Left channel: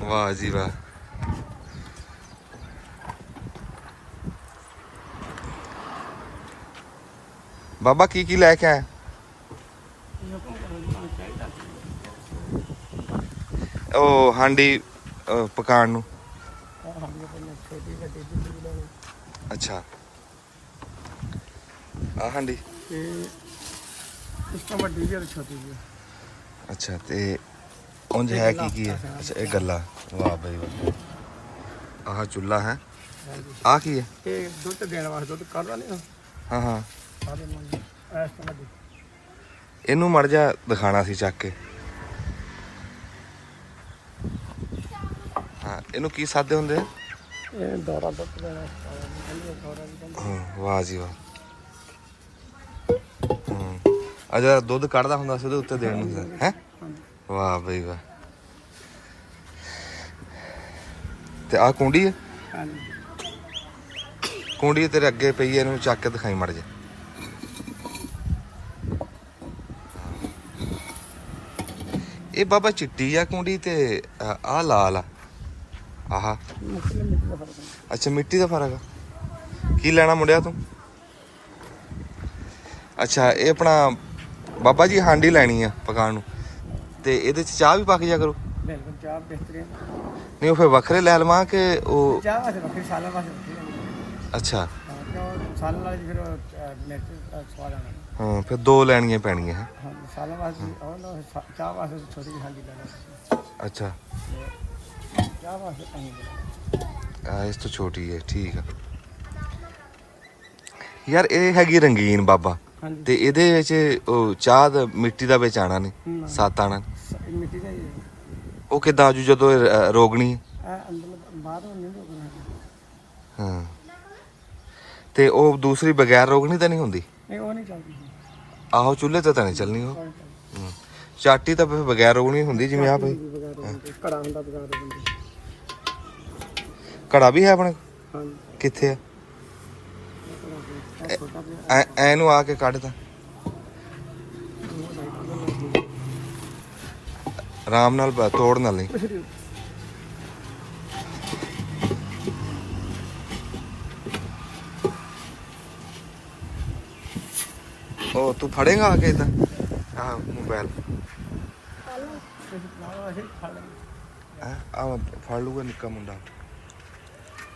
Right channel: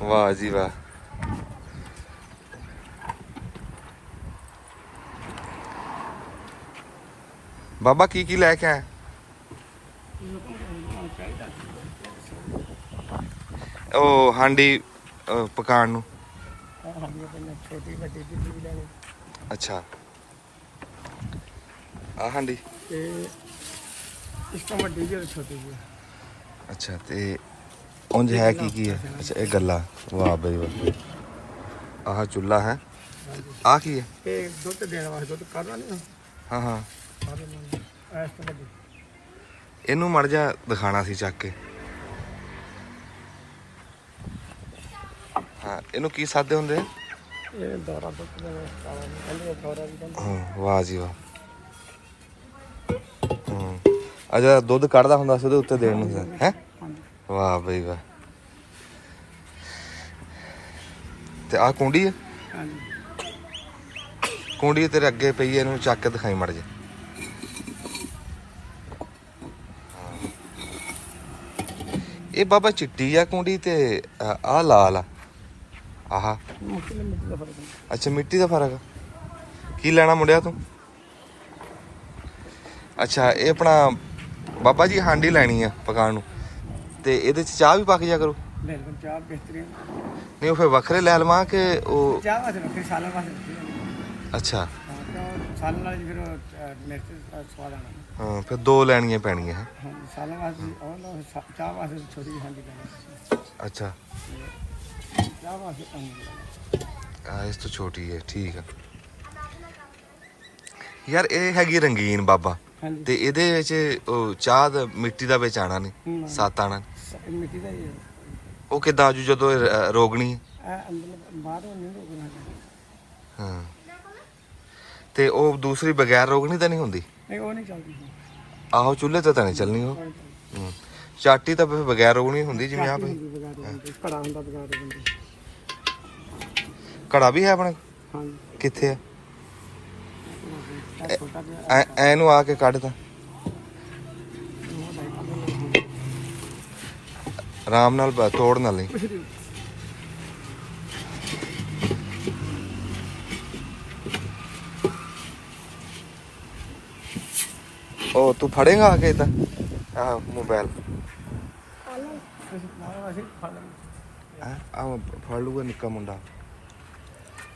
ਵਾਹ ਜੀ ਵਾਹ। ਬਾਬਾ ਕੀ ਲੈ ਕੇ ਆਇਆ? ਉਹ ਹਾਂਡੀ ਪਕਾਉਣ ਨੂੰ। ਅੱਛਾ ਆ ਹਾਂਡੀ ਇਸ ਤੋਂ ਵੱਡੀ ਜੀ ਛੋਟੀ ਜੀ। ਅੱਛਾ ਤੇ ਉਂਝ ਹੈ ਕੀ ਹੈ? ਅੱਛਾ ਇਹ ਗੱਲਾਂ। ਵਾਹ ਬਈ ਵਾਹ। ਆਹ ਚੁੱਲ੍ਹਾ ਹੈ। ਆ ਕੀ ਹੈ? ਇਹ ਦੁੱਧ ਦੇਣ ਵਾਸਤੇ ਦੁੱਧ ਕੱਢਦਾ ਨਹੀਂ। ਹਾਂ ਹਾਂ ਇਸ ਤੋਂ ਵੱਡੀ ਇਹਨੂੰ ਮੜ ਜਾ ਦਿਖਾਣਾ ਸੀ ਚੱਕ ਕੇ। ਹਾਂ ਇਹਨੂੰ ਕੀ ਸਾਦੇ ਹੁੰਦੇ ਆ? ਇਹ ਦੌਰਾ ਦੁੱਧ ਦੇਣਾ ਵਾਸਤੇ। ਹਾਂ ਵਾਹ ਜੀ ਵਾਹ। ਆ ਜਿਹੜਾ ਦੁੱਧ ਕੱਢਦਾ ਹੁੰਦਾ ਸੀ ਉਹਦੇ ਉੱਤੇ ਦੇਣ ਨੂੰ ਹੈ। ਵਾਹ ਬਈ ਵਾਹ। ਤੇ ਆਹ ਕੁੰਡੀ ਹੈ? ਕੁੰਡੀ ਤੇਰੇ ਅੱਗੇ ਪਈ ਹੈ, ਇਹਨੂੰ ਚੱਕ ਕੇ ਦਿਖਾਈ ਮੜ ਜੇ। ਇਹ ਬਾਬਾ ਚਿੱਟੀ ਆ ਕੁੰਡੀ ਤੇ ਆਹ ਲਾਲ ਆ। ਆਹ ਅੱਛਾ ਮਿੱਟੀ ਦਾ ਫਰਕ ਆ। ਕੀ ਲੈਣਾ ਮੁੰਡਿਆ ਤੂੰ? ਅੱਛਾ ਇਹ ਆਪਣਾ ਬਾਬਾ ਜੀ ਹਾਂਡੀ ਲੈਣੀ ਆ ਪਕਾਉਣ ਨੂੰ, ਤੇ ਇਹਦੇ ਚ ਚਾਹ ਵੀ ਪੱਕ ਜਾ ਕਰੂ? ਬਿਲਕੁਲ ਚਾਹ ਬਿਹਤਰੀਨ। ਨਹੀਂ ਉਹ ਫਿਰ ਵੱਖਰੇ ਲੈ ਲਵਾਂ ਕਿ ਉਹ? ਚਾਹ ਵਾਸਤੇ ਵੱਖਰੀ, ਸਾਲਾਂ ਵਾਸਤੇ ਵੱਖਰੀ। ਅੱਛਾ ਹਾਂ ਕਿਉਂ ਸਾਲਾਂ ਨਾਲ ਫਿਰ ਮਿਰਚ ਸਵਾਦ ਆਣਾ। ਹਾਂ ਫਿਰ ਦੋ ਲੈਣੀਆਂ ਪੈਣੀਆਂ ਹੈ। ਹਾਂ ਸਾਲਾਂ ਵਾਸਤੇ ਉਹ ਨਾ ਚਾਹ ਵਾਸਤੇ ਛੋਟੀ ਜਿਹੀ ਹਾਂਡੀ ਲੈਣਾ। ਅੱਛਾ ਚਾਹ ਵਾਸਤੇ ਐਂ ਲੈਣਾ। ਇਸ ਤੋਂ ਛੋਟੀ ਹੈ, ਠੀਕ ਆ। ਯਾਰ ਇਹ ਹੈਗੀ ਰੰਗੀਨ ਬਾਬਾ, ਤੇ ਇਹਦੇ ਵਿੱਚ ਉਹ ਚਾਹ ਦਾ ਮਿੱਟੀ ਦਾ ਵਿੱਚ ਆਣਾ ਨਹੀਂ, ਸੱਤ ਆਣਾ। ਮਿੱਟੀ ਦਾ ਹੀ ਉਹ ਕਿੱਦਾਂ ਆਜੂ ਜਦੋਂ ਰੋਗਣੀ? ਅੰਦਰ ਬਾਹਰ ਨਹੀਂ ਰੋਕਣਾ। ਹਾਂ ਤੇ ਉਹ ਦੂਸਰੀ ਬਗੈਰ ਰੋਗਣੀ ਤਾਂ ਨਹੀਂ ਹੁੰਦੀ? ਨਹੀਂ ਉਹ ਨਹੀਂ ਚੱਲਦੀ। ਆਹੋ ਚੁੱਲ੍ਹੇ ਤੇ ਤਾਂ ਨਹੀਂ ਚੱਲਣੀ ਉਹ। ਚਾਟੀ ਤਾਂ ਫਿਰ ਬਗੈਰ ਰੋਗਣੀ ਹੁੰਦੀ ਜਿਵੇਂ ਆਪ। ਘੜਾ ਹੁੰਦਾ ਬਗੈਰ ਰੋਗਣੀ। ਘੜਾ ਵੀ ਹੈ ਆਪਣੇ? ਹਾਂਜੀ ਕਿੱਥੇ ਆ? ਐਨੂੰ ਆ ਕੇ ਕੱਢ ਤਾ ਆਰਾਮ ਨਾਲ, ਤੋੜ ਨਾਲ ਨਹੀਂ। ਉਹ ਤੂੰ ਫੜੇਗਾ ਆ ਕੇ ਇਦਾਂ? ਆਹ ਮੋਬਾਈਲ ਆ ਫੜ ਲੂਗਾ ਨਿੱਕਾ ਮੁੰਡਾ।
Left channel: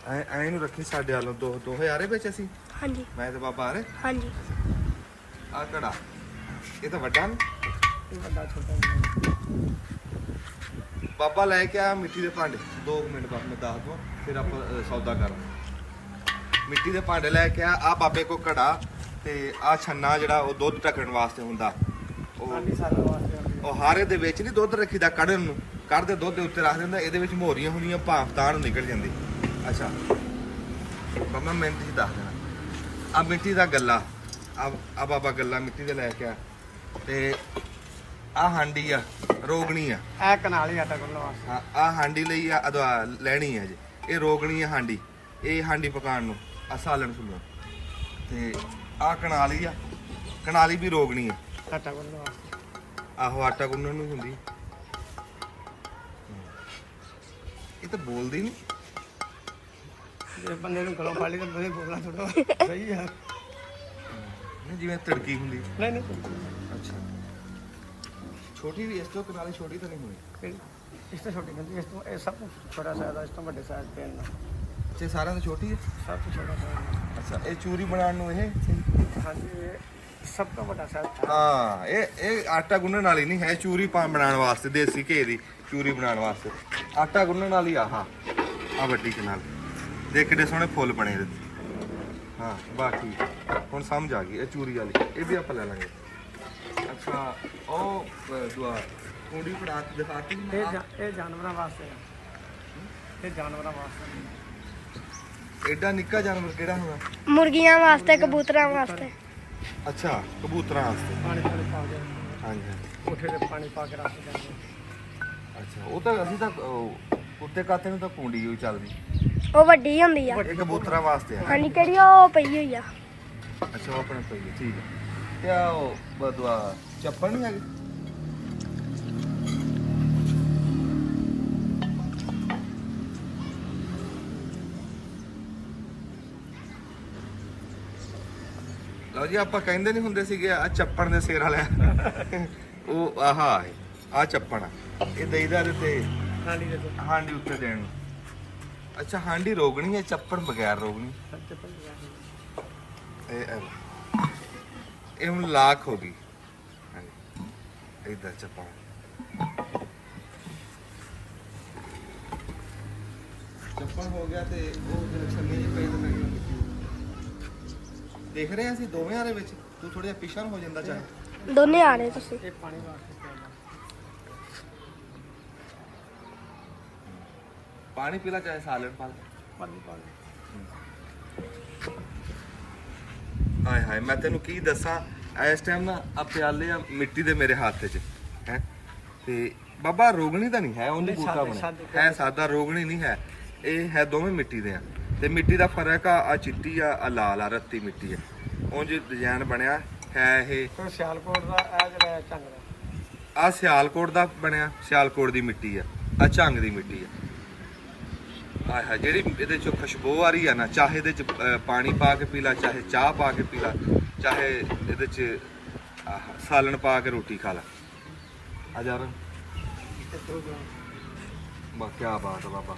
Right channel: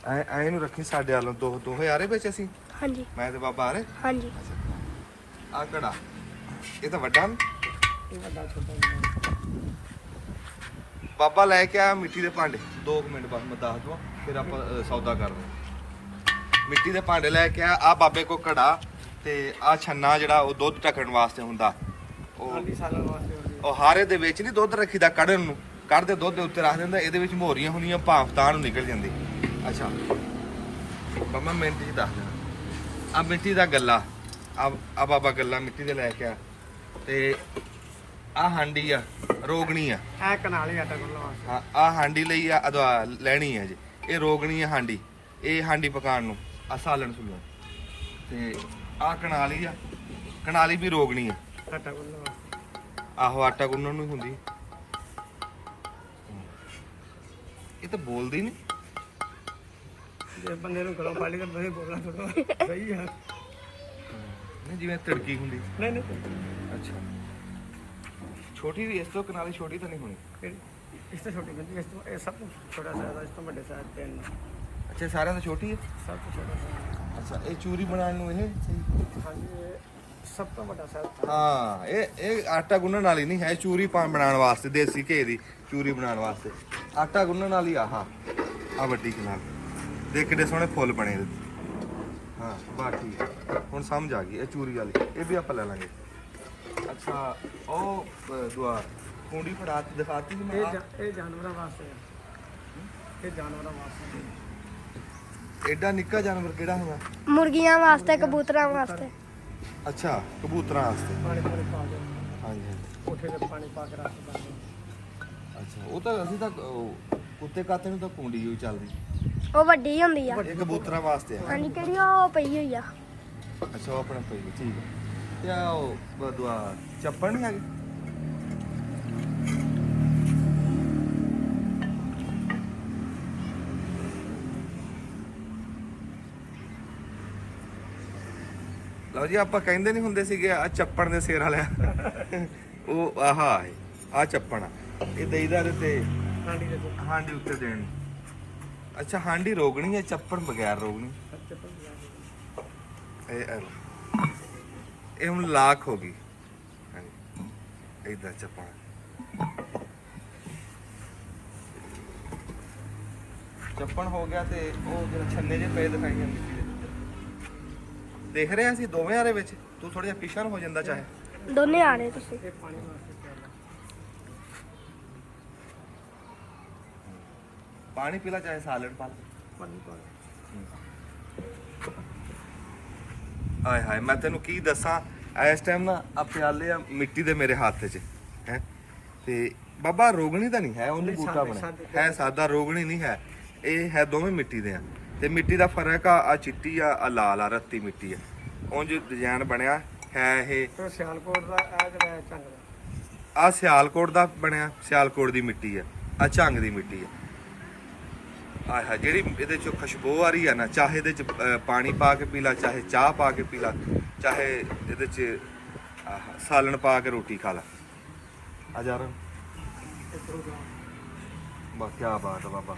ਐ ਨੂੰ ਰੱਖੀ ਸਾਡੇ ਵੱਲੋਂ 2000 ਵਿੱਚ ਅਸੀਂ। ਹਾਂਜੀ ਮੈਂ ਤੇ ਬਾਬਾ ਆ ਰਹੇ। ਹਾਂਜੀ ਆ ਘੜਾ ਇਹ ਤਾਂ ਵੱਡਾ ਨੀ? ਇਹ ਵੱਡਾ ਛੋਟਾ ਬਾਬਾ ਲੈ ਕੇ ਆਇਆ ਮਿੱਟੀ ਦੇ ਭਾਂਡੇ। 2 ਮਿੰਟ ਬਾਅਦ ਮੈਂ ਦੱਸ ਦਵਾਂ, ਫਿਰ ਆਪਾਂ ਸੌਦਾ ਕਰਦੇ। ਮਿੱਟੀ ਦੇ ਭਾਂਡੇ ਲੈ ਕੇ ਆ ਬਾਬੇ ਕੋ ਘੜਾ, ਤੇ ਆ ਛੰਨਾ ਜਿਹੜਾ ਉਹ ਦੁੱਧ ਟੱਕਣ ਵਾਸਤੇ ਹੁੰਦਾ। ਉਹ ਹਾਰੇ ਦੇ ਵਿੱਚ ਨਹੀਂ ਦੁੱਧ ਰੱਖੀਦਾ ਕੱਢਣ ਨੂੰ, ਕੱਢਦੇ ਦੁੱਧ ਦੇ ਉੱਤੇ ਰੱਖ ਦਿੰਦਾ। ਇਹਦੇ ਵਿੱਚ ਮੋਰੀਆਂ ਹੁੰਦੀਆਂ, ਭਾਫ ਤਾਂ ਨੂੰ ਨਿਕਲ ਜਾਂਦੀ। ਅੱਛਾ ਬਾਬਾ ਮਿੰਟ ਜੀ ਦੱਸ ਦੇਣਾ। ਆ ਮਿੱਟੀ ਦਾ ਗੱਲਾ, ਆ ਬਾਬਾ ਗੱਲਾ ਮਿੱਟੀ ਦੇ ਲੈ ਕੇ ਆ, ਤੇ ਆ ਹਾਂਡੀ ਆ ਰੋਗਣੀ ਆ। ਇਹ ਕਨਾਲੀ ਆਟਾ ਗੁੰਨ੍ਹਣਾ। ਹਾਂ ਆ ਹਾਂਡੀ ਲਈ ਆ ਲੈਣੀ ਆ ਜੀ। ਇਹ ਰੋਗਣੀ ਆ ਹਾਂਡੀ, ਇਹ ਹਾਂਡੀ ਪਕਾਉਣ ਨੂੰ। ਆ ਸਾਲਣ ਸੁਲਣ, ਤੇ ਆ ਕਨਾਲੀ ਆ, ਕਨਾਲੀ ਵੀ ਰੋਗਣੀ ਆ। ਆਟਾ ਗੁੰਨ੍ਹਣ ਵਾਸਤੇ। ਆਹੋ ਆਟਾ ਗੁੰਨਣ ਨੂੰ ਹੁੰਦੀ। ਇਹ ਤਾਂ ਬੋਲਦੀ ਨਹੀਂ। ਜੇ ਬੰਦੇ ਨੂੰ ਕੋਲ ਫਾੜੀ ਤੇ ਨਹੀਂ ਬੋਲਣਾ ਥੋੜਾ ਸਹੀ ਆ। ਨਹੀਂ ਜਿਵੇਂ ਤੜਕੀ ਹੁੰਦੀ। ਨਹੀਂ ਨਹੀਂ ਅੱਛਾ ਛੋਟੀ ਵੀ ਇਸ ਤੋਂ ਕਨਾਲੀ ਛੋਟੀ ਤਾਂ ਨਹੀਂ ਹੋਣੀ? ਇਸ ਤੋਂ ਛੋਟੀ ਬੰਦੀ, ਇਸ ਤੋਂ ਇਹ ਸਭ ਤੋਂ ਛੋਟਾ ਸਾਈਜ਼, ਇਸ ਤੋਂ ਵੱਡੇ ਸਾਈਜ਼ ਤੇ ਨੇ। ਅੱਛਾ ਸਾਰਿਆਂ ਤੋਂ ਛੋਟੀ ਹੈ। ਸਭ ਤੋਂ ਛੋਟਾ। ਅੱਛਾ ਇਹ ਚੂਰੀ ਬਣਾਉਣ ਨੂੰ ਇਹ ਹਾਂਜੀ ਇਹ ਸਭ ਤੋਂ ਵੱਡਾ ਸਾਈਜ਼। ਹਾਂ ਇਹ ਆਟਾ ਗੁੰਨਣ ਵਾਲੀ ਨਹੀਂ ਹੈ, ਚੂਰੀ ਬਣਾਉਣ ਵਾਸਤੇ, ਦੇਸੀ ਘੇ ਦੀ ਚੂਰੀ ਬਣਾਉਣ ਵਾਸਤੇ ਆਟਾ ਗੁੰਨਣ ਵਾਲੀ। ਆਹ ਆ ਵੱਡੀ ਕਨਾਲ ਦੇਖ ਕਿੱਡੇ ਸੋਹਣੇ ਫੁੱਲ ਬਣੇ ਇਹਦੇ। ਹਾਂ ਬਾਕੀ ਹੁਣ ਸਮਝ ਆ ਗਈ। ਇਹ ਚੂਰੀ ਵਾਲੀ ਇਹ ਵੀ ਆਪਾਂ ਲੈ ਲਾਂਗੇ। ਅੱਛਾ ਉਹ ਦੁਆ ਕੁੰਡੀ ਫੜਾ ਕੇ ਦਿਖਾਤੀ ਮੈਂ। ਇਹ ਜਾਨਵਰਾਂ ਵਾਸਤੇ ਨੇ। ਇਹ ਜਾਨਵਰਾਂ ਵਾਸਤੇ। ਐਡਾ ਨਿੱਕਾ ਜਾਨਵਰ ਕਿਹੜਾ ਹੁੰਦਾ? ਮੁਰਗੀਆਂ ਵਾਸਤੇ, ਕਬੂਤਰਾਂ ਵਾਸਤੇ। ਅੱਛਾ ਕਬੂਤਰਾਂ ਵਾਸਤੇ। ਪਾਣੀ ਪੂਰੇ ਪਾਉਂਦੇ। ਹਾਂਜੀ ਹਾਂਜੀ ਕੋਠੇ ਤੇ ਪਾਣੀ ਪਾ ਕੇ ਰੱਖਦੇ। ਅੱਛਾ ਉਹ ਤਾਂ ਅਸੀਂ ਤਾਂ ਕੁੱਤੇ ਕਾਤੇ ਨੂੰ ਤਾਂ ਕੁੰਡੀ ਹੋਈ ਚੱਲਦੀ। ਉਹ ਵੱਡੀ ਹੁੰਦੀ ਆ। ਇਹ ਕਬੂਤਰਾਂ ਵਾਸਤੇ ਆ। ਹਾਂਜੀ ਕਿਹੜੀ ਉਹ ਪਈ ਹੋਈ ਆ। ਅੱਛਾ ਉਹ ਆਪਣੇ ਪਈ ਹੈ, ਠੀਕ ਹੈ। ਤੇ ਆ ਉਹ ਬਦਵਾ ਚੱਪਲ ਨਹੀਂ ਹੈਗੇ? ਲਓ ਜੀ ਆਪਾਂ ਕਹਿੰਦੇ ਨਹੀਂ ਹੁੰਦੇ ਸੀਗੇ ਆ ਚੱਪਣ ਦੇ ਸਿਰ ਵਾਲਿਆ ਉਹ ਆਹਾ ਹੈ ਆ ਚੱਪਣ ਆ ਇਹ ਦੇਈਦਾ ਇਹਦੇ ਤੇ ਹਾਂਡੀ ਦੇ ਹਾਂਡੀ ਉੱਤੇ ਦੇਣ ਨੂੰ। ਅੱਛਾ ਹਾਂਡੀ ਰੋਗਣੀ ਹੈ ਚੱਪਣ ਬਗੈਰ ਰੋਗਣੀ ਇਹ ਹੁਣ ਲਾਖ ਹੋ ਗਈ ਹਾਂਜੀ ਇਦਾਂ ਚੱਪਣ ਚੱਪਣ ਹੋ ਗਿਆ ਤੇ ਉਹ ਜਿਹੜਾ ਛੱਲੇ ਜੇ ਪਏ ਦਿਖਾਈ ਜਾਂ ਮਿੱਟੀ ਦੇ ਦੇਖ ਰਹੇ ਅਸੀਂ ਦੋਵੇਂ ਆਰੇ ਵਿੱਚ ਤੂੰ ਥੋੜਾ ਜਿਹਾ ਪਿਛਾਂ ਹੋ ਜਾਂਦਾ ਚਾਹੇ ਦੋਨੇ ਆ ਰਹੇ ਤੁਸੀਂ ਇਹ ਪਾਣੀ ਵਾਸਤੇ ਪਿਆਲਾ ਪਾਣੀ ਪੀਲਾ ਚਾਹੇ ਸਾਲਣ ਪਾ ਲੈ ਪਾਣੀ ਹਾਏ ਹਾਏ ਮੈਂ ਤੈਨੂੰ ਕੀ ਦੱਸਾਂ ਇਸ ਟਾਈਮ ਨਾ ਆ ਪਿਆਲੇ ਆ ਮਿੱਟੀ ਦੇ ਮੇਰੇ ਹੱਥ 'ਚ ਹੈ ਤੇ ਬਾਬਾ ਰੋਗਣੀ ਤਾਂ ਨਹੀਂ ਹੈ ਉਹਨੇ ਨਹੀਂ, ਬੂਟਾ ਸਾਦਾ- ਬਣਿਆ ਹੈ ਸਾਦਾ ਰੋਗਣੀ ਨਹੀਂ ਹੈ ਇਹ ਹੈ ਦੋਵੇਂ ਮਿੱਟੀ ਦੇ ਆ ਤੇ ਮਿੱਟੀ ਦਾ ਫਰਕ ਆ ਚਿੱਟੀ ਆ ਲਾਲ ਆ ਰੱਤੀ ਮਿੱਟੀ ਆ ਉਂਝ ਡਿਜ਼ਾਈਨ ਬਣਿਆ ਹੈ ਇਹ ਤੇ ਸਿਆਲਕੋਟ ਦਾ ਇਹ ਜਿਹੜਾ ਝੰਗ ਦਾ ਆ ਸਿਆਲਕੋਟ ਦਾ ਬਣਿਆ ਸਿਆਲਕੋਟ ਦੀ ਮਿੱਟੀ ਆ ਝੰਗ ਦੀ ਮਿੱਟੀ ਆ ਆਹ ਜਿਹੜੀ ਇਹਦੇ ਚੋਂ ਖੁਸ਼ਬੂ ਆ ਰਹੀ ਆ ਨਾ ਚਾਹੇ ਇਹਦੇ ਚ ਪਾਣੀ ਪਾ ਕੇ ਪੀ ਲਾ ਚਾਹੇ ਚਾਹ ਪਾ ਕੇ ਪੀ ਲਾ ਚਾਹੇ ਇਹਦੇ ਚ ਸਾਲਣ ਪਾ ਕੇ ਰੋਟੀ ਖਾ ਲਾ ਆ ਜਾ ਰ ਬਾ ਕੀ ਬਾਤ ਆ ਬਾਬਾ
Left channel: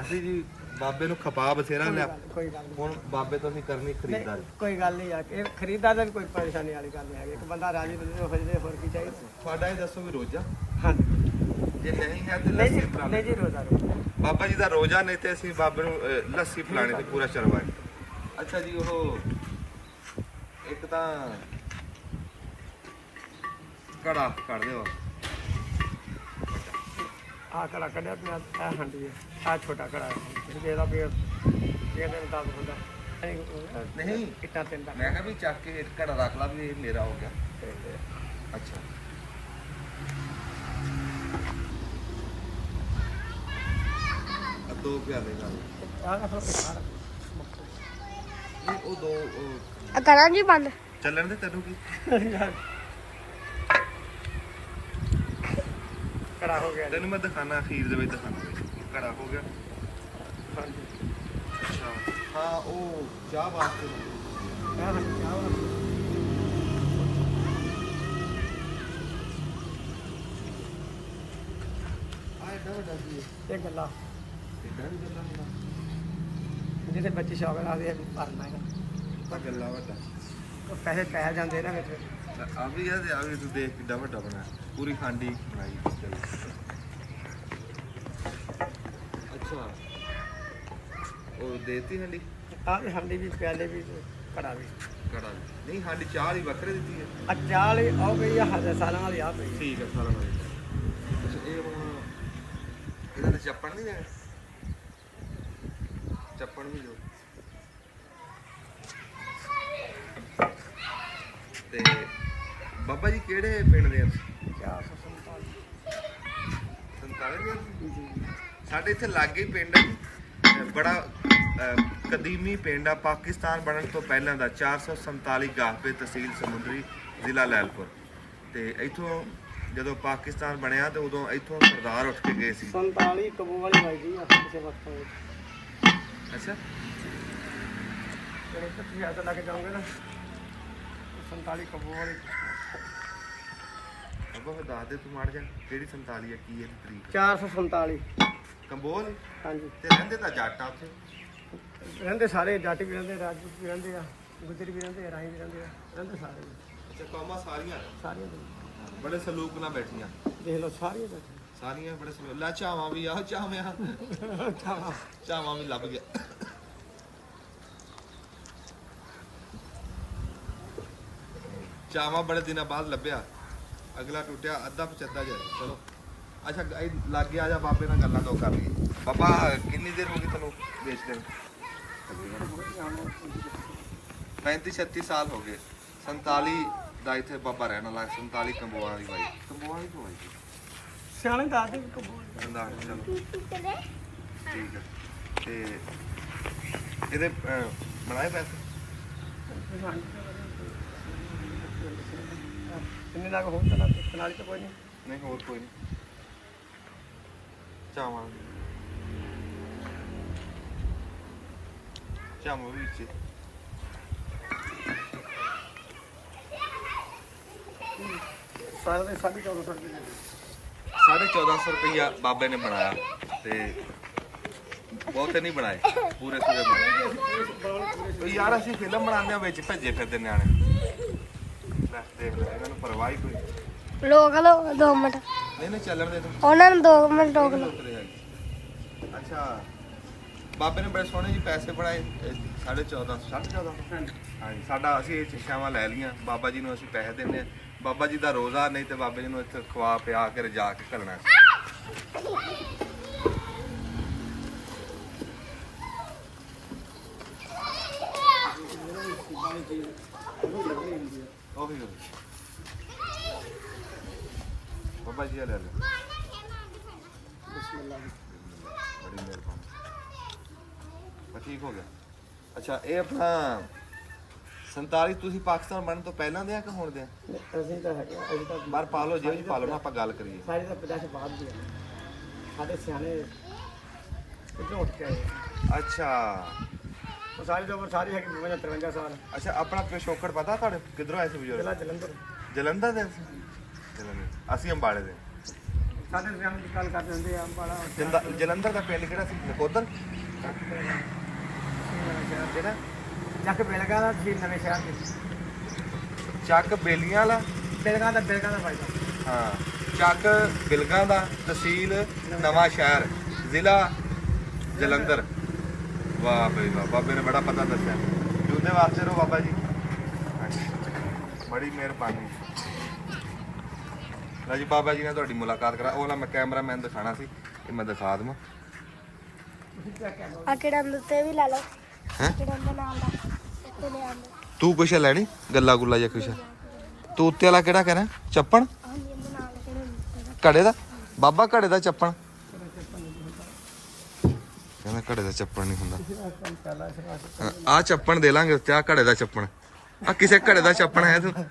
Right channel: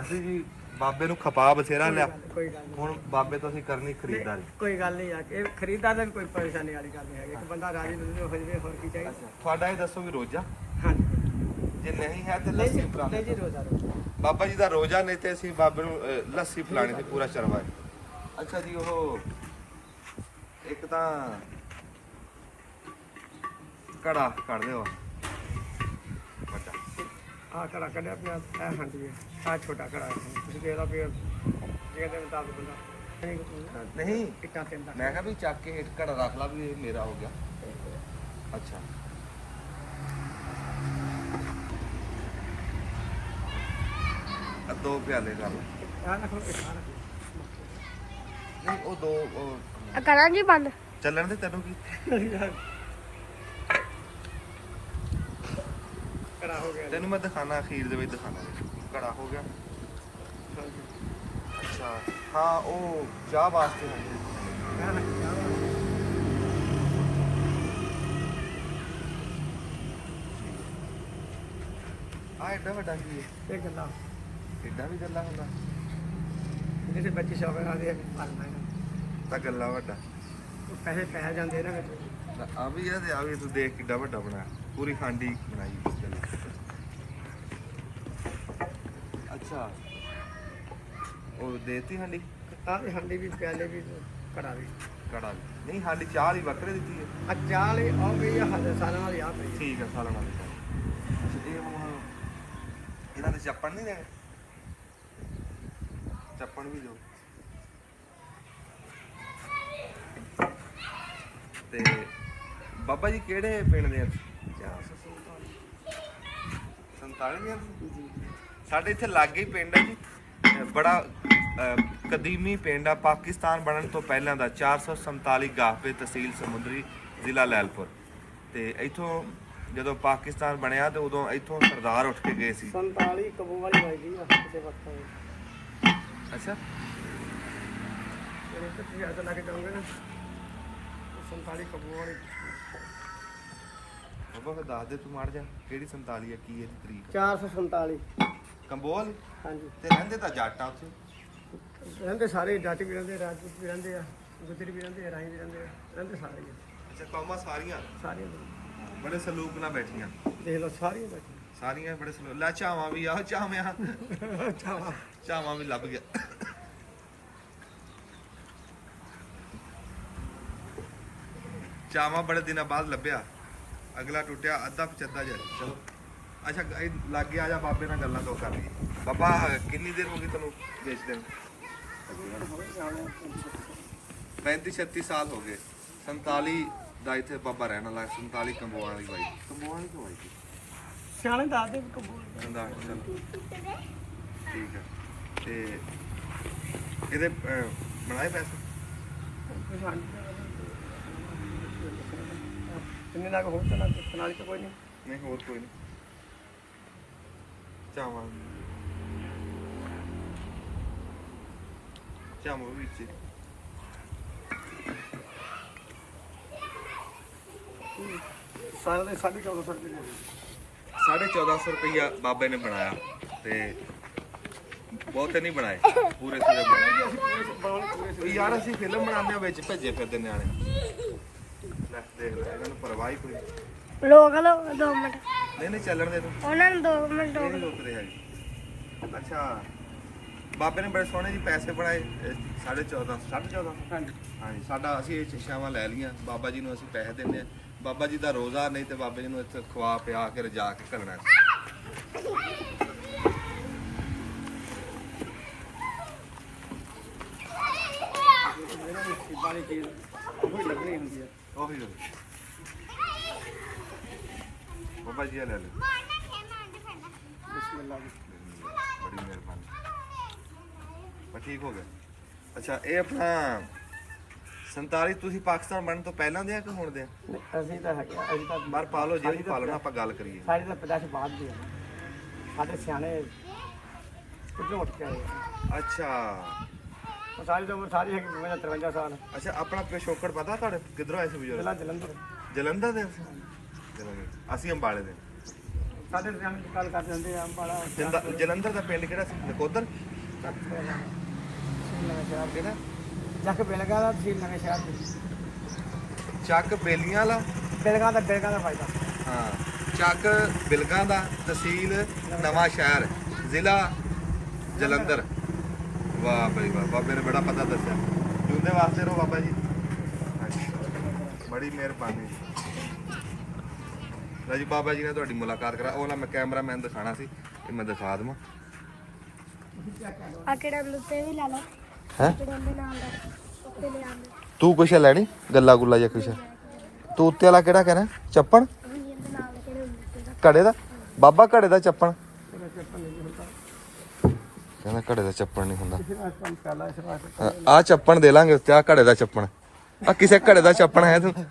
ਅਸੀਂ ਜੀ ਬਾਬੇ ਨੂੰ ਖਪਾ ਬਥੇਰਾ ਲਿਆ ਕੋਈ ਗੱਲ ਨਹੀਂ ਹੁਣ ਬਾਬੇ ਤੋਂ ਅਸੀਂ ਕਰਨੀ ਖਰੀਦਦਾਰੀ ਕੋਈ ਗੱਲ ਨਹੀਂ ਆ ਇਹ ਖਰੀਦਦਾਰ ਦੀ ਕੋਈ ਪਰੇਸ਼ਾਨੀ ਵਾਲੀ ਗੱਲ ਨਹੀਂ ਹੈ ਇੱਕ ਬੰਦਾ ਰਾਜੀ ਹੋ ਜਾਵੇ ਹੋਰ ਕੀ ਚਾਹੀਦਾ ਤੁਹਾਡਾ ਇਹ ਦੱਸੋ ਵੀ ਰੋਜ਼ਾ ਹਾਂ ਜੇ ਨਹੀਂ ਹੈ ਤੇ ਨਹੀਂ ਲੱਸੀ ਜੀ ਪਿਲਾ ਨਹੀਂ ਜੀ ਰੋਜ਼ਾ ਬਾਬਾ ਜੀ ਦਾ ਰੋਜ਼ਾ ਨਹੀਂ ਤੇ ਅਸੀਂ ਬਾਬੇ ਨੂੰ ਲੱਸੀ ਪਿਲਾਣੀ ਤੇ ਪੂਰਾ ਚਰਵਾਏ ਅੱਛਾ ਜੀ ਉਹ ਇੱਕ ਤਾਂ ਕੜਾ ਕੱਢ ਦਿਓ ਆ ਕੜਾ ਕੱਢਿਆ ਪਿਆ ਆ ਹੰਡੀ ਆ ਛੋਟਾ ਕੜਾ ਹੈ ਜਿਹੜਾ ਵੀ ਇਹ ਦੇ ਮੁਤਾਬਕ ਹੁੰਦਾ ਨਹੀਂ ਕਿੱਟਾ ਪੈਂਦਾ ਮੈਂ ਕਿਹਾ ਵੀ ਚੱਕ ਕੇ ਇੱਕ ਘੜਾ ਰੱਖ ਲਾ ਵੀ ਇਹ ਮੇਰਾ ਹੋ ਗਿਆ ਅੱਛਾ ਦੋ ਪਿਆਲੇ ਕਰ ਲਓ ਆ ਰੱਖੋ ਸਾਰਾ ਨਹੀਂ ਉਹ ਦੋ ਆ ਕਰਾਂ ਜੀ ਬੰਦ ਚੱਲਣ ਦੇ ਤੈਨੂੰ ਕੀ ਕੜਾ ਹੋ ਗਿਆ ਤੈਨੂੰ ਮੈਂ ਦਿਖਾਣਾ ਅਖੀਰ ਦੇ ਵਿੱਚ ਦਿਖਾਣਾ ਘੜਾ ਹੋ ਗਿਆ ਅੱਛਾ ਹਾਂ ਉਹ ਚਾਹ ਵਾਸਤੇ ਆ ਐਡਾ ਵੱਡਾ ਕੀ ਹੈ ਇਹ ਗੱਲਾਂ ਐਡਾ ਵੀ ਗੱਲਾਂ ਹੁੰਦਾ ਜਿਹਦੇ ਬੱਚੇ ਸ਼ੌਕ ਨਾਲ ਦੇ ਭਰਨਾ ਹੈ ਤਾਂ ਗੱਲਾਂ ਵੱਡਾ ਉਹ ਪੈਸੇ ਪੈ ਜਾਂਦੇ ਇਹਨਾਂ ਵਿੱਚ ਆ ਵੀ ਆ ਤੇ ਆ ਵੀ ਤੂੰ ਦੇਖ ਕਿੱਡਾ ਵੱਡਾ ਬਣਾਇਆ ਪੂਰੀ ਖਾਂਡੀ ਬਣਾਈ ਚੱਲ ਅੱਛਾ ਉਹ ਦੇਤੀ ਹਾਂਡੀ ਆ ਹਾਂਡੀ ਵੀ ਪਿਆਲੇ ਵੀ ਕੜਾ ਵੀ ਕੜਾ ਵੀ ਨਹੀਂ ਸਾਡੀ ਚਾਹ ਹੀ ਵੱਖਰੇ ਦਿੱਤੀ ਹੈ ਆ ਚਾਲ ਆ ਗਈ ਆ ਹਜ਼ਾਰ ਸਾਲਾਂ ਵਾਲੀ ਆ ਪਈ ਠੀਕ ਹੈ ਸਾਲਾਂ ਨਾਲ ਅੱਛਾ ਇਹ ਹੁਣ ਇਹਨਾਂ ਦੇ ਚੱਪਣ ਨਹੀਂ ਦੇਣੇ ਚੱਪਣ ਵੀ ਦਿਓ ਤੇ ਬਾਬਾ ਜੀ ਕਿਹੜੇ ਪਿੰਡ ਦੇ ਆ 447 47 ਦੇ ਆ ਤੁਸੀਂ? ਸਾਡੇ ਇੱਥੇ ਲਾਗੇ ਹੀ ਪਿੰਡ ਹੈ ਜੀ ਬੜਾ ਕਦੀਮੀ ਪਿੰਡ ਆ ਪਾਕਿਸਤਾਨ ਬਣਨ ਤੋਂ ਪਹਿਲਾਂ ਦਾ 447 ਗਾਹਪੇ ਤਹਿਸੀਲ ਸਮੁੰਦਰੀ ਜ਼ਿਲ੍ਹਾ ਲੈਲਪੁਰ ਤੇ ਇੱਥੋਂ ਜਦੋਂ ਪਾਕਿਸਤਾਨ ਬਣਿਆ ਤੇ ਉਦੋਂ ਇੱਥੋਂ ਸਰਦਾਰ ਉੱਠ ਕੇ ਗਏ ਸੀ 47 ਕਬੂ ਵਾਲੀ ਵਾਜਦੀ ਆ ਕਿਸੇ ਵਕਤ ਅੱਛਾ ਜਿਹੜੇ ਤੁਸੀਂ ਅੱਜ ਲੱਗ ਜਾਓਗੇ ਨਾ 47 ਕਬੂ ਵਾਲੀ ਬਾਬਾ ਫਿਰ ਦੱਸ ਦੇ ਤੂੰ ਮਾਰ ਜਾ ਕਿਹੜੀ 47 ਆ ਕੀ ਇਹਦੀ ਤਰੀਕ 447 ਕੰਬੋਲ ਹਾਂਜੀ ਤੇ ਰਹਿੰਦੇ ਤਾਂ ਜੱਟ ਆ ਉੱਥੇ ਰਹਿੰਦੇ ਸਾਰੇ ਜੱਟ ਵੀ ਰਹਿੰਦੇ ਰਾਜਪੂਤ ਵੀ ਰਹਿੰਦੇ ਆ ਗੁੱਜਰ ਵੀ ਰਹਿੰਦੇ ਆ ਰਾਹੀ ਵੀ ਰਹਿੰਦੇ ਆ ਰਹਿੰਦੇ ਸਾਰੇ ਹੀ ਆ। ਅੱਛਾ ਕੌਮਾਂ ਸਾਰੀਆਂ ਸਾਰੀਆਂ ਦੇ ਬੜੇ ਸਲੂਕ ਨਾਲ ਬੈਠੀਆਂ ਦੇਖ ਲਓ ਸਾਰੀਆਂ ਬੈਠੇ ਸਾਰੀਆਂ ਬੜੇ ਸਲੂਕ ਲੈ ਚਾਵਾਂ ਵੀ ਆ ਚਾਵਿਆਂ ਚਾਵਾ ਚਾਵਾਂ ਵੀ ਲੱਭ ਗਿਆ ਚਾਵਾਂ ਬੜੇ ਦਿਨਾਂ ਬਾਅਦ ਲੱਭਿਆ ਅਗਲਾ ਟੁੱਟਿਆ ਅੱਧਾ ਪਚੱਦਾ ਜਾ ਚਲੋ ਅੱਛਾ ਇਹ ਲਾਗੇ ਆ ਜਾ ਬਾਬੇ ਨਾਲ ਗੱਲਾਂ ਦੋ ਕਰ ਲਈ ਬਾਬਾ ਕਿੰਨੀ ਦੇਰ ਹੋ ਗਈ ਤੈਨੂੰ ਵੇਚਦੇ ਨੂੰ 35 36 ਸਾਲ ਹੋ ਗਏ 47 ਦਾ ਇੱਥੇ ਬਾਬਾ ਰਹਿਣ ਵਾਲਾ 47 ਕੰਬੋਆਂ ਦੀ ਬਾਈ ਕੰਬੋਆਂ ਦੀ ਬਾਈ ਸਿਆਣੇ ਦੱਸਦੇ ਵੀ ਕਬੂ ਚੰਦਾ ਚਲੋ ਠੀਕ ਹੈ ਤੇ ਇਹਦੇ ਬਣਾਏ ਪੈਸੇ ਕਿੰਨੇ ਲੱਗ ਹੋਣ ਤਾਂ ਨਾਲ ਤਾਂ ਕੋਈ ਨਹੀਂ ਨਹੀਂ ਹੋਰ ਕੋਈ ਨਹੀਂ ਚਾਵਾਂ ਚਾਵਾਂ ਵੀ ਵਿੱਚ ਸਾਰਾ ਦੇ 1450 ਰੁਪਏ ਦੇ 1450 ਰੁਪਈਆ ਬਾਬੇ ਨੇ ਬਣਾਇਆ ਤੇ ਬਹੁਤੇ ਨਹੀਂ ਬਣਾਏ, ਪੂਰੇ ਸੂਰੇ ਬਣਾਏ। ਉਹ ਯਾਰ ਅਸੀਂ ਫਿਲਮ ਬਣਾਉਂਦੇ ਆ ਵਿੱਚ ਭੱਜੇ ਫਿਰਦੇ ਨਿਆਣੇ। ਲੈ ਦੇਖ ਲੈ, ਇਹਨਾਂ ਨੂੰ ਪਰਵਾਹ ਹੀ ਕੋਈ ਲੋਕ ਲੋ 2 ਮਿੰਟ ਨਹੀਂ ਚੱਲਣ ਦੇ ਤੂੰ ਉਹਨਾਂ ਨੂੰ 2 ਮਿੰਟ ਰੋਕ ਲਓ। ਉਤਰੇ ਆ ਜੀ। ਅੱਛਾ ਬਾਬੇ ਨੇ ਬੜੇ ਸੋਹਣੇ ਜੀ ਪੈਸੇ ਬਣਾਏ 1450 ਹਾਂਜੀ ਸਾਡਾ ਅਸੀਂ ਇਹ ਚਿਸ਼ਾਵਾਂ ਲੈ ਲਈਆਂ। ਬਾਬਾ ਜੀ ਨੂੰ ਅਸੀਂ ਪੈਸੇ ਦਿੰਦੇ ਆ। ਬਾਬਾ ਜੀ ਦਾ ਰੋਜ਼ਾ ਨਹੀਂ ਤੇ ਬਾਬਾ ਜੀ ਨੂੰ ਇੱਥੇ ਖਵਾ ਪਿਆ ਕੇ ਰਜਾ ਕੇ ਘੱਲਣਾ। ਬਾਣੀ ਚੀਜ਼ ਉਹ ਵੀ ਲੱਗਣੀ ਹੁੰਦੀ ਹੈ। ਉਹੀ ਬਾਬਾ ਜੀ ਆ ਲੈ ਲੈ। ਬਿਸਮਿਲ੍ਲਾ ਬੜੀ ਮਿਹਰਬਾਨੀ। ਬਸ ਠੀਕ ਹੋ ਗਿਆ। ਅੱਛਾ ਇਹ ਆਪਣਾ 47 ਤੁਸੀਂ ਪਾਕਿਸਤਾਨ ਬਣਨ ਤੋਂ ਪਹਿਲਾਂ ਦੇ ਆ ਕਿ ਹੁਣ ਦੇ ਆ? ਅਸੀਂ ਤਾਂ ਹੈਗੇ ਅਸੀਂ ਤਾਂ ਬਾਹਰ ਪਾ ਲਓ ਜਿਹੜੀ ਪਾ ਲਓ ਨਾ, ਆਪਾਂ ਗੱਲ ਕਰੀਏ। ਸਾਰੇ ਤਾਂ 50 ਬਾਅਦ ਦੇ ਆ। ਸਾਡੇ ਸਿਆਣੇ ਕਿੱਥੋਂ ਉੱਠ ਕੇ ਆਏ ਆ। ਅੱਛਾ ਉਹ ਸਾਰੀ ਉਮਰ ਸਾਰੀ ਹੈਗੀ 53 ਸਾਲ। ਅੱਛਾ ਆਪਣਾ ਪਿਛੋਕੜ ਪਤਾ ਤੁਹਾਡੇ ਕਿੱਧਰੋਂ ਆਏ ਸੀ ਬਜ਼ੁਰਗ? ਜ਼ਿਲ੍ਹਾ ਜਲੰਧਰ। ਜਲੰਧਰ ਦੇ ਸੀ? ਜਲੰਧਰ ਅਸੀਂ ਅੰਬਾਲੇ ਦੇ। ਸਾਡੇ ਸਿਆਣੇ ਦੀ ਗੱਲ ਕਰਦੇ ਹੁੰਦੇ ਆ ਅੰਬਾਲਾ ਜਲੰਧਰ ਦਾ ਪਿੰਡ ਕਿਹੜਾ ਸੀ? ਨਕੋਦਰ? ਨਵੇਂ ਸ਼ਹਿਰ ਕਿਹੜਾ? ਚੱਕ ਬਿਲਗਾ ਦਾ ਤਹਿਸੀਲ ਨਵੇਂ ਸ਼ਹਿਰ ਦੇ। ਚੱਕ ਬੇਲੀਆਂ ਵਾਲਾ? ਬਿਲਗਾ ਦਾ ਫਾਇਦਾ। ਹਾਂ ਚੱਕ ਬਿਲਗਾਂ ਦਾ, ਤਹਿਸੀਲ ਨਵਾਂ ਸ਼ਹਿਰ, ਜ਼ਿਲ੍ਹਾ ਜਲੰਧਰ। ਵਾਹ ਬਈ ਵਾਹ, ਬਾਬੇ ਨੇ ਬੜਾ ਪਤਾ ਦੱਸਿਆ। ਜੁੰਦੇ ਵਾਸਤੇ ਰਹੋ ਬਾਬਾ ਜੀ। ਬੜੀ ਮਿਹਰਬਾਨੀ। ਲਓ ਜੀ ਬਾਬਾ ਜੀ ਨੇ ਤੁਹਾਡੀ ਮੁਲਾਕਾਤ ਕਰਾ। ਉਹ ਨਾ ਮੈਂ ਕੈਮਰਾਮੈਨ ਦਿਖਾਣਾ ਸੀ, ਇਹ ਮੈਂ ਦਿਖਾ ਦਵਾਂ। ਆ ਕਿਹੜਾ ਲੁੱਤੇ ਵੀ ਲਾ ਲਓ ਹੈ ਨਾਲ ਦਾ ਉੱਤੇ ਲੈ ਆਂਦੇ। ਤੂੰ ਕੁਛ ਲੈਣੀ ਗੱਲਾ ਗੁੱਲਾ ਜਾਂ ਕੁਛ? ਤੂੰ ਉੱਤੇ ਵਾਲਾ ਕਿਹੜਾ ਕਹਿਣਾ? ਚੱਪਣ? ਹਾਂਜੀ ਇਹਦੇ ਨਾਮ ਕਿਹੜੇ ਹੁੰਦੇ ਘੜੇ ਦਾ? ਬਾਬਾ ਘੜੇ ਦਾ ਚੱਪਣ ਕਹਿੰਦਾ, ਘੜੇ ਦਾ ਚੱਪਣ ਨਹੀਂ ਹੁੰਦਾ। ਆ ਚੱਪਣ ਦੇ ਲਾਂਗੇ ਉੱਤੇ, ਆ ਘੜੇ ਦਾ ਚੱਪਣ। ਆ ਕਿਸੇ ਘੜੇ ਦਾ ਚੱਪਣ ਹੈ ਤੂੰ?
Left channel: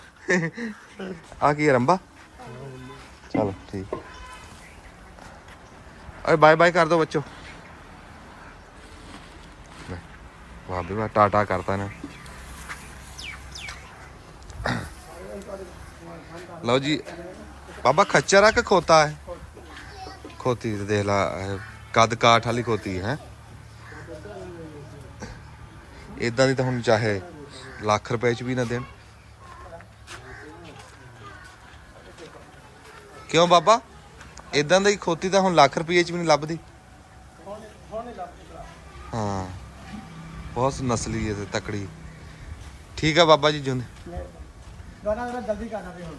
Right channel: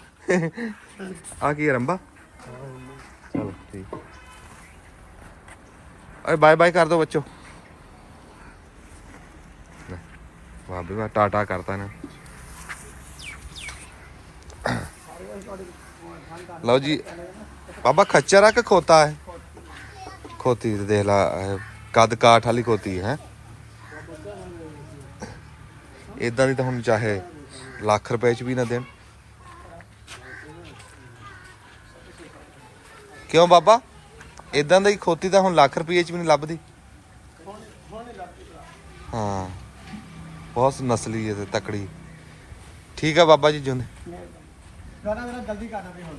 ਆ ਕੀ ਰੰਬਾ? ਚਲੋ ਠੀਕ। ਓਏ ਬਾਏ ਬਾਏ ਕਰ ਦੋ ਬੱਚੋ। ਵਾਹ ਬਈ ਵਾਹ, ਟਾਟਾ ਕਰਤਾ ਨਾ। ਲਓ ਜੀ ਬਾਬਾ ਖੱਚਰ ਆ ਕਿ ਖੋਤਾ ਹੈ? ਖੋਤੀ ਤੇ ਦੇਖ ਲਾ, ਕੱਦ ਕਾਠ ਵਾਲੀ ਖੋਤੀ ਹੈ। ਇਦਾਂ ਦੀ ਤਾਂ ਹੁਣ ਚਾਹੇ ਲੱਖ ਰੁਪਏ ਚ ਵੀ ਨਾ ਦੇਣ। ਕਿਉਂ ਬਾਬਾ? ਇਦਾਂ ਦੀ ਖੋਤੀ ਤਾਂ ਹੁਣ ਲੱਖ ਰੁਪਏ ਚ ਵੀ ਨਹੀਂ ਲੱਭਦੀ। ਹਾਂ ਬਹੁਤ ਨਸਲੀ ਹੈ ਤੇ ਤਕੜੀ। ਠੀਕ ਹੈ ਬਾਬਾ ਜੀ ਜੁੰਦੇ। ਜਲਦੀ ਕਰਨਾ ਵੀ ਹੁਣ।